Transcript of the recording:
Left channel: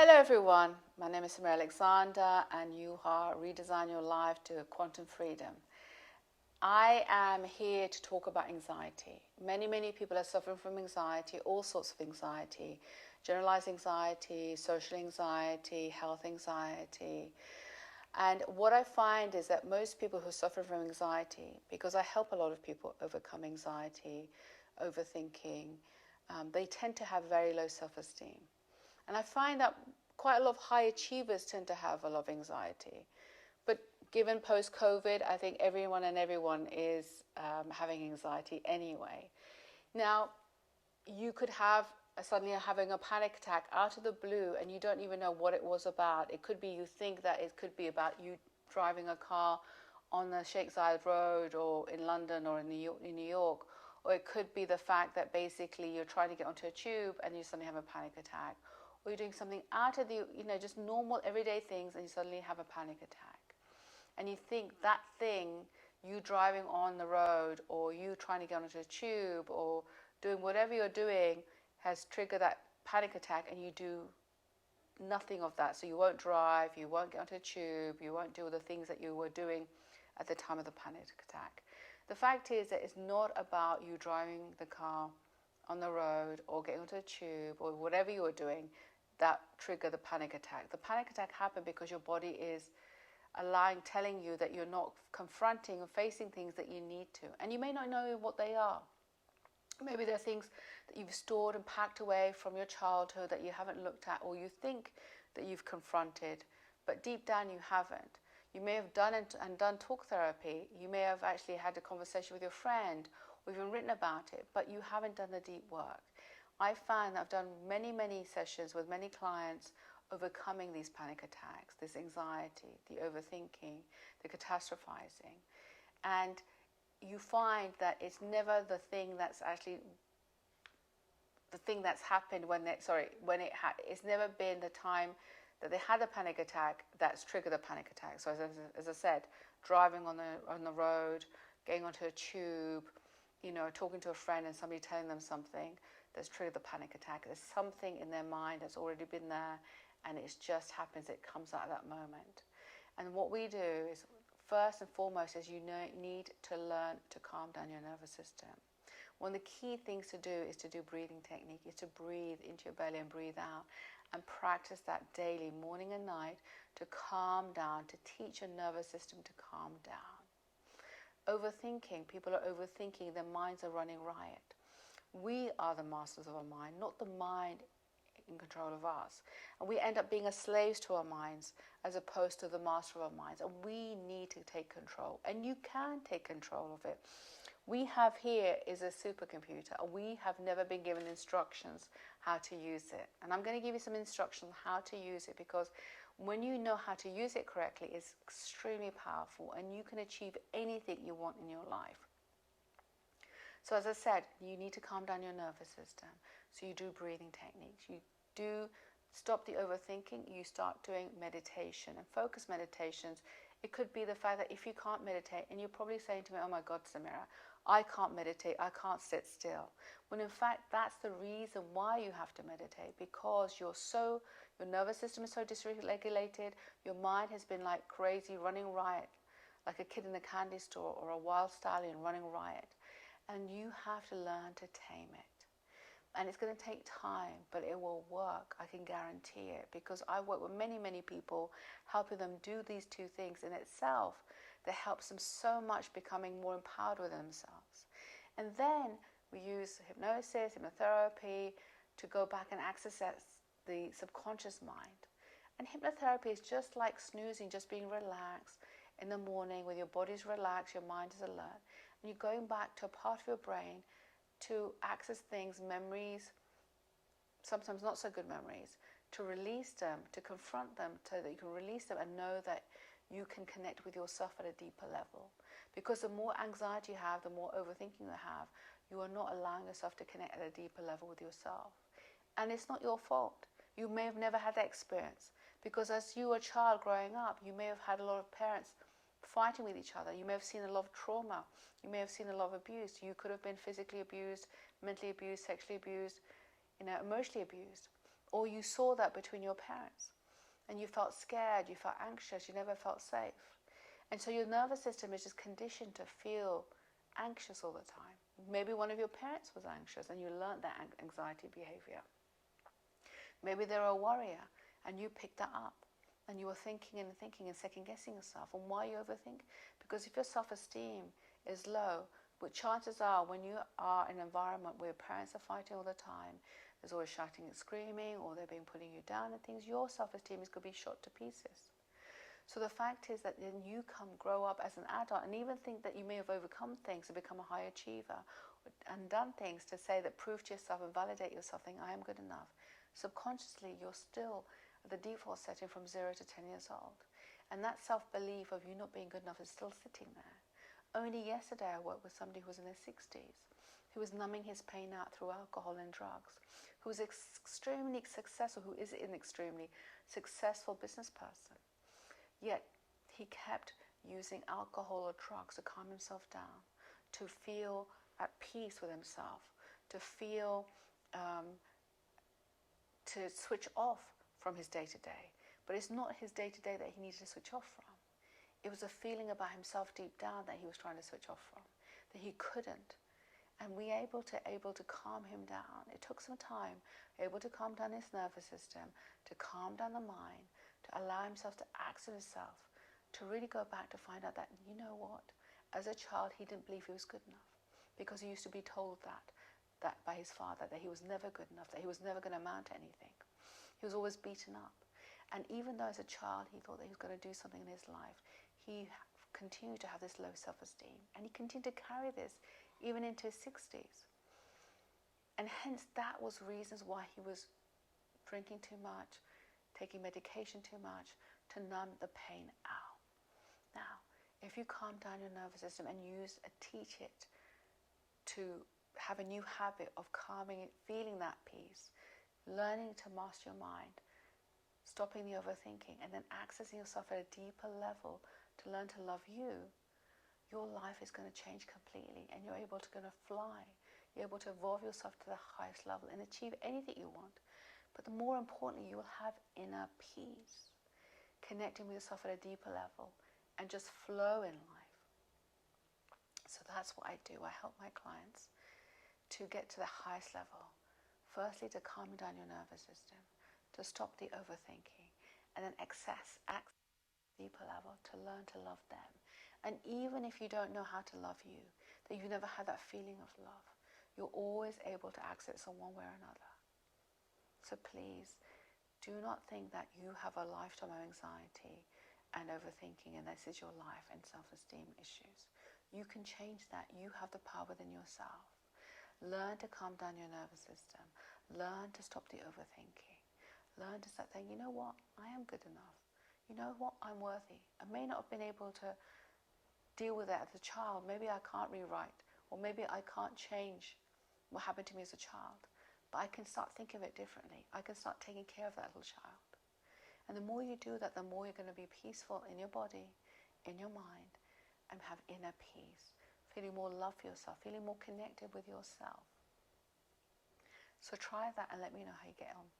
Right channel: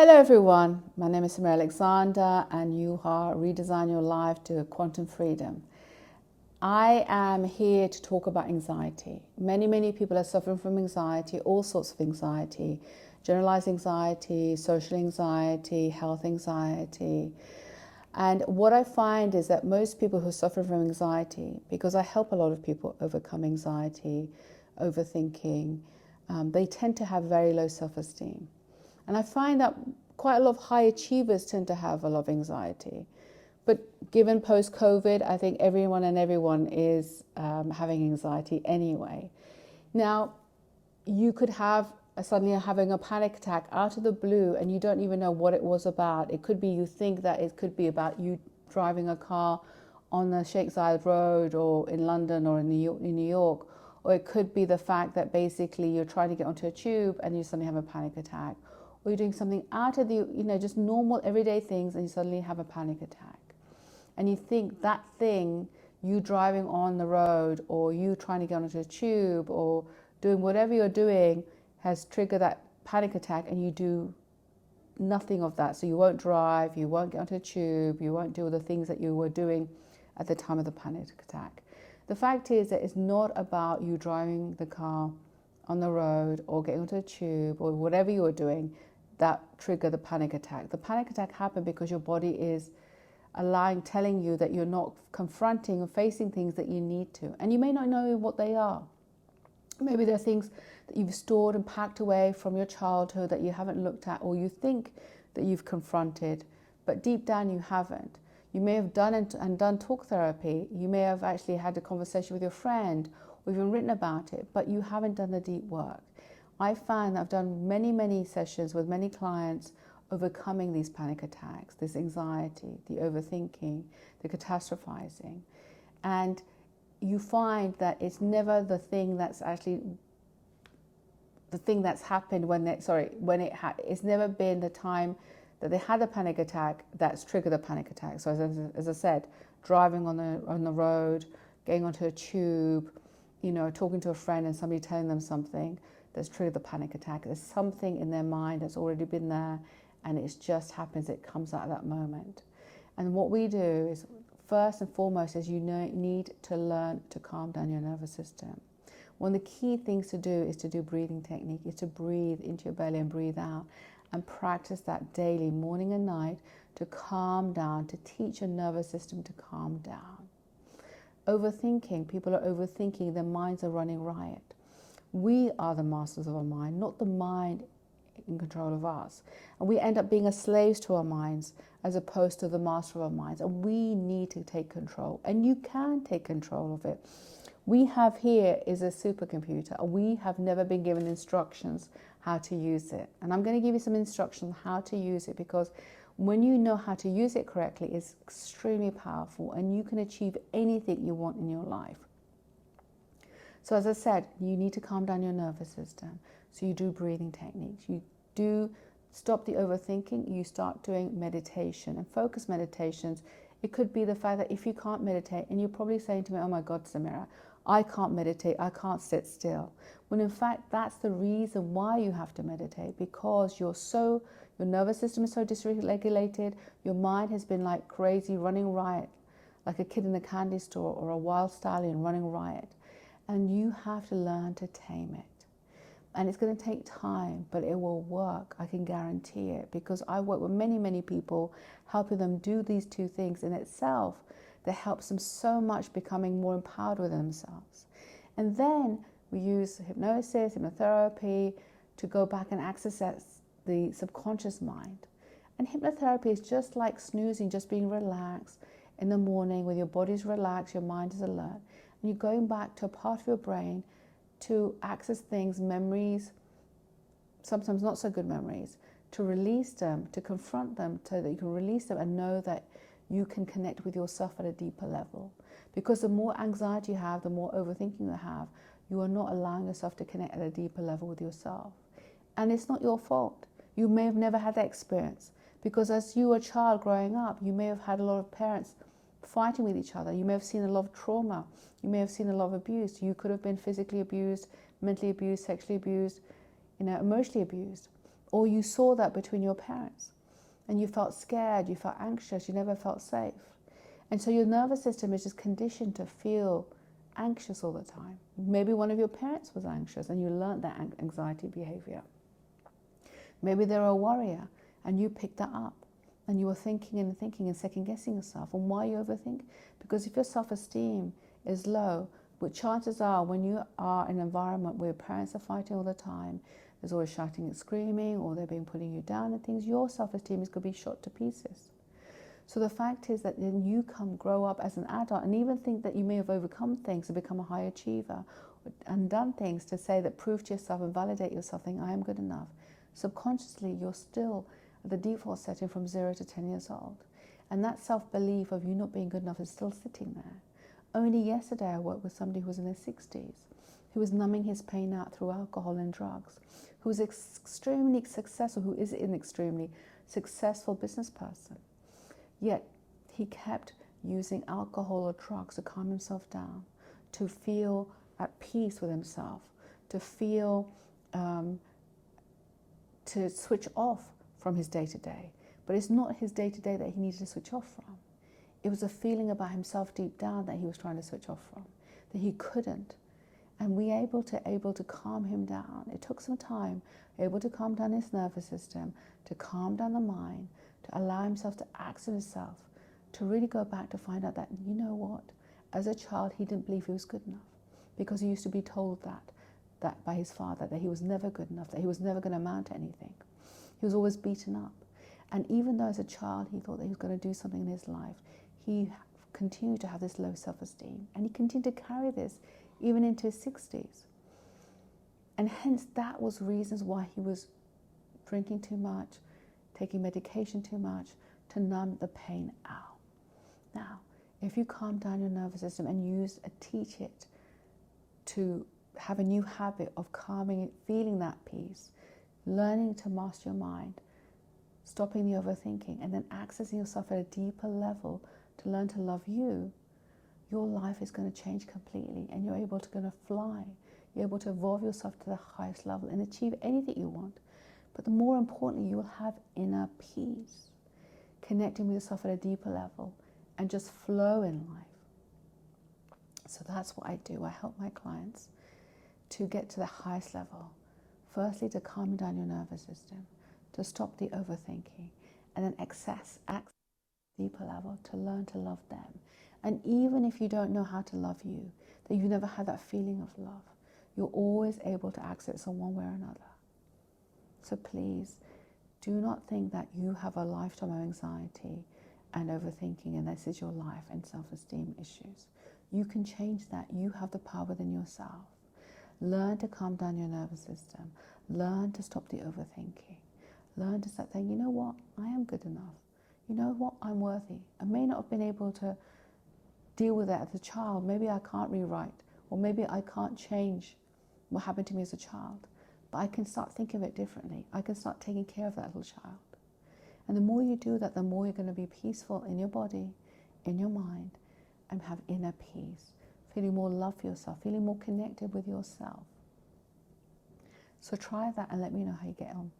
Hello everyone, my name is Samira Alexander and you are Redesign Your Life to Quantum Freedom. I am here to talk about anxiety. Many people are suffering from anxiety, all sorts of anxiety, generalized anxiety, social anxiety, health anxiety. And what I find is that most people who suffer from anxiety, because I help a lot of people overcome anxiety, overthinking, they tend to have very low self-esteem. And I find that quite a lot of high achievers tend to have a lot of anxiety. But given post-COVID, I think everyone is having anxiety anyway. Now, you could have suddenly having a panic attack out of the blue and you don't even know what it was about. It could be you think that it could be about you driving a car on the Sheikh Zayed Road or in London or in New York. Or it could be the fact that basically you're trying to get onto a tube and you suddenly have a panic attack. Or you're doing something out of the, just normal everyday things and you suddenly have a panic attack. And you think that thing, you driving on the road or you trying to get onto a tube or doing whatever you're doing has triggered that panic attack, and you do nothing of that. So you won't drive, you won't get onto a tube, you won't do all the things that you were doing at the time of the panic attack. The fact is that it's not about you driving the car on the road or getting onto a tube or whatever you were doing that triggered the panic attack. The panic attack happened because your body is telling you that you're not confronting or facing things that you need to. And you may not know what they are. Maybe there are things that you've stored and packed away from your childhood that you haven't looked at, or you think that you've confronted, but deep down you haven't. You may have done talk therapy. You may have actually had a conversation with your friend or even written about it, but you haven't done the deep work. I found that I've done many sessions with many clients overcoming these panic attacks, this anxiety, the overthinking, the catastrophizing. And you find that it's never the thing that's actually the thing that's happened it's never been the time that they had a panic attack that's triggered the panic attack. So as I said, driving on the road, getting onto a tube, talking to a friend and somebody telling them something that's triggered the panic attack. There's something in their mind that's already been there, and it just happens, it comes out at that moment. And what we do is, first and foremost, is you need to learn to calm down your nervous system. One of the key things to do is to do breathing technique, is to breathe into your belly and breathe out, and practice that daily, morning and night, to calm down, to teach your nervous system to calm down. Overthinking, people are overthinking, their minds are running riot. We are the masters of our mind, not the mind in control of us. And we end up being a slaves to our minds as opposed to the master of our minds. And we need to take control. And you can take control of it. We have here is a supercomputer. We have never been given instructions how to use it. And I'm going to give you some instructions on how to use it, because when you know how to use it correctly, it's extremely powerful and you can achieve anything you want in your life. So as I said, you need to calm down your nervous system. So you do breathing techniques. You do stop the overthinking. You start doing meditation and focus meditations. It could be the fact that if you can't meditate, and you're probably saying to me, oh my God, Samira, I can't meditate, I can't sit still. When in fact, that's the reason why you have to meditate, because your nervous system is so dysregulated. Your mind has been like crazy, running riot, like a kid in the candy store or a wild stallion running riot. And you have to learn to tame it. And it's going to take time, but it will work. I can guarantee it, because I work with many people, helping them do these two things in itself that helps them so much, becoming more empowered with themselves. And then we use hypnosis, hypnotherapy to go back and access the subconscious mind. And hypnotherapy is just like snoozing, just being relaxed in the morning, when your body's relaxed, your mind is alert. And you're going back to a part of your brain to access things, memories, sometimes not so good memories, to release them, to confront them, so that you can release them and know that you can connect with yourself at a deeper level. Because the more anxiety you have, the more overthinking you have, you are not allowing yourself to connect at a deeper level with yourself. And it's not your fault. You may have never had that experience, because as you were a child growing up, you may have had a lot of parents fighting with each other. You may have seen a lot of trauma. You may have seen a lot of abuse. You could have been physically abused, mentally abused, sexually abused, emotionally abused. or you saw that between your parents and you felt scared, you felt anxious, you never felt safe. And so your nervous system is just conditioned to feel anxious all the time. Maybe one of your parents was anxious and you learned that anxiety behavior. Maybe they were a worrier and you picked that up and you were thinking and second guessing yourself. And why you overthink? Because if your self-esteem is low, but chances are when you are in an environment where parents are fighting all the time, there's always shouting and screaming, or they're being putting you down and things, your self-esteem is going to be shot to pieces. So the fact is that then you grow up as an adult and even think that you may have overcome things and become a high achiever and done things to say that prove to yourself and validate yourself, think I am good enough. Subconsciously, you're still at the default setting from 0 to 10 years old. And that self-belief of you not being good enough is still sitting there. Only yesterday I worked with somebody who was in their 60s, who was numbing his pain out through alcohol and drugs, who was extremely successful, who is an extremely successful business person. Yet he kept using alcohol or drugs to calm himself down, to feel at peace with himself, to feel, to switch off from his day-to-day. But it's not his day-to-day that he needed to switch off from. It was a feeling about himself deep down that he was trying to switch off from, that he couldn't. And we able to calm him down. It took some time, able to calm down his nervous system, to calm down the mind, to allow himself to access himself, to really go back to find out that, you know what, as a child he didn't believe he was good enough because he used to be told that by his father, that he was never good enough, that he was never going to amount to anything. He was always beaten up. And even though as a child he thought that he was going to do something in his life, he continued to have this low self-esteem, and he continued to carry this even into his 60s. And hence that was reasons why he was drinking too much, taking medication too much to numb the pain out. Now, if you calm down your nervous system and teach it to have a new habit of calming it, feeling that peace, learning to master your mind, stopping the overthinking, and then accessing yourself at a deeper level to learn to love you, your life is going to change completely and you're able to fly. You're able to evolve yourself to the highest level and achieve anything you want. But the more importantly, you will have inner peace, connecting with yourself at a deeper level and just flow in life. So that's what I do. I help my clients to get to the highest level. Firstly, to calm down your nervous system, to stop the overthinking, and then access deeper level to learn to love them. And even if you don't know how to love you, that you've never had that feeling of love, you're always able to access it one way or another. So please, do not think that you have a lifetime of anxiety and overthinking and this is your life and self-esteem issues. You can change that. You have the power within yourself. Learn to calm down your nervous system. Learn to stop the overthinking. Learn to start saying, you know what, I am good enough. You know what, I'm worthy. I may not have been able to deal with that as a child. Maybe I can't rewrite, or maybe I can't change what happened to me as a child. But I can start thinking of it differently. I can start taking care of that little child. And the more you do that, the more you're going to be peaceful in your body, in your mind, and have inner peace, feeling more love for yourself, feeling more connected with yourself. So try that and let me know how you get on.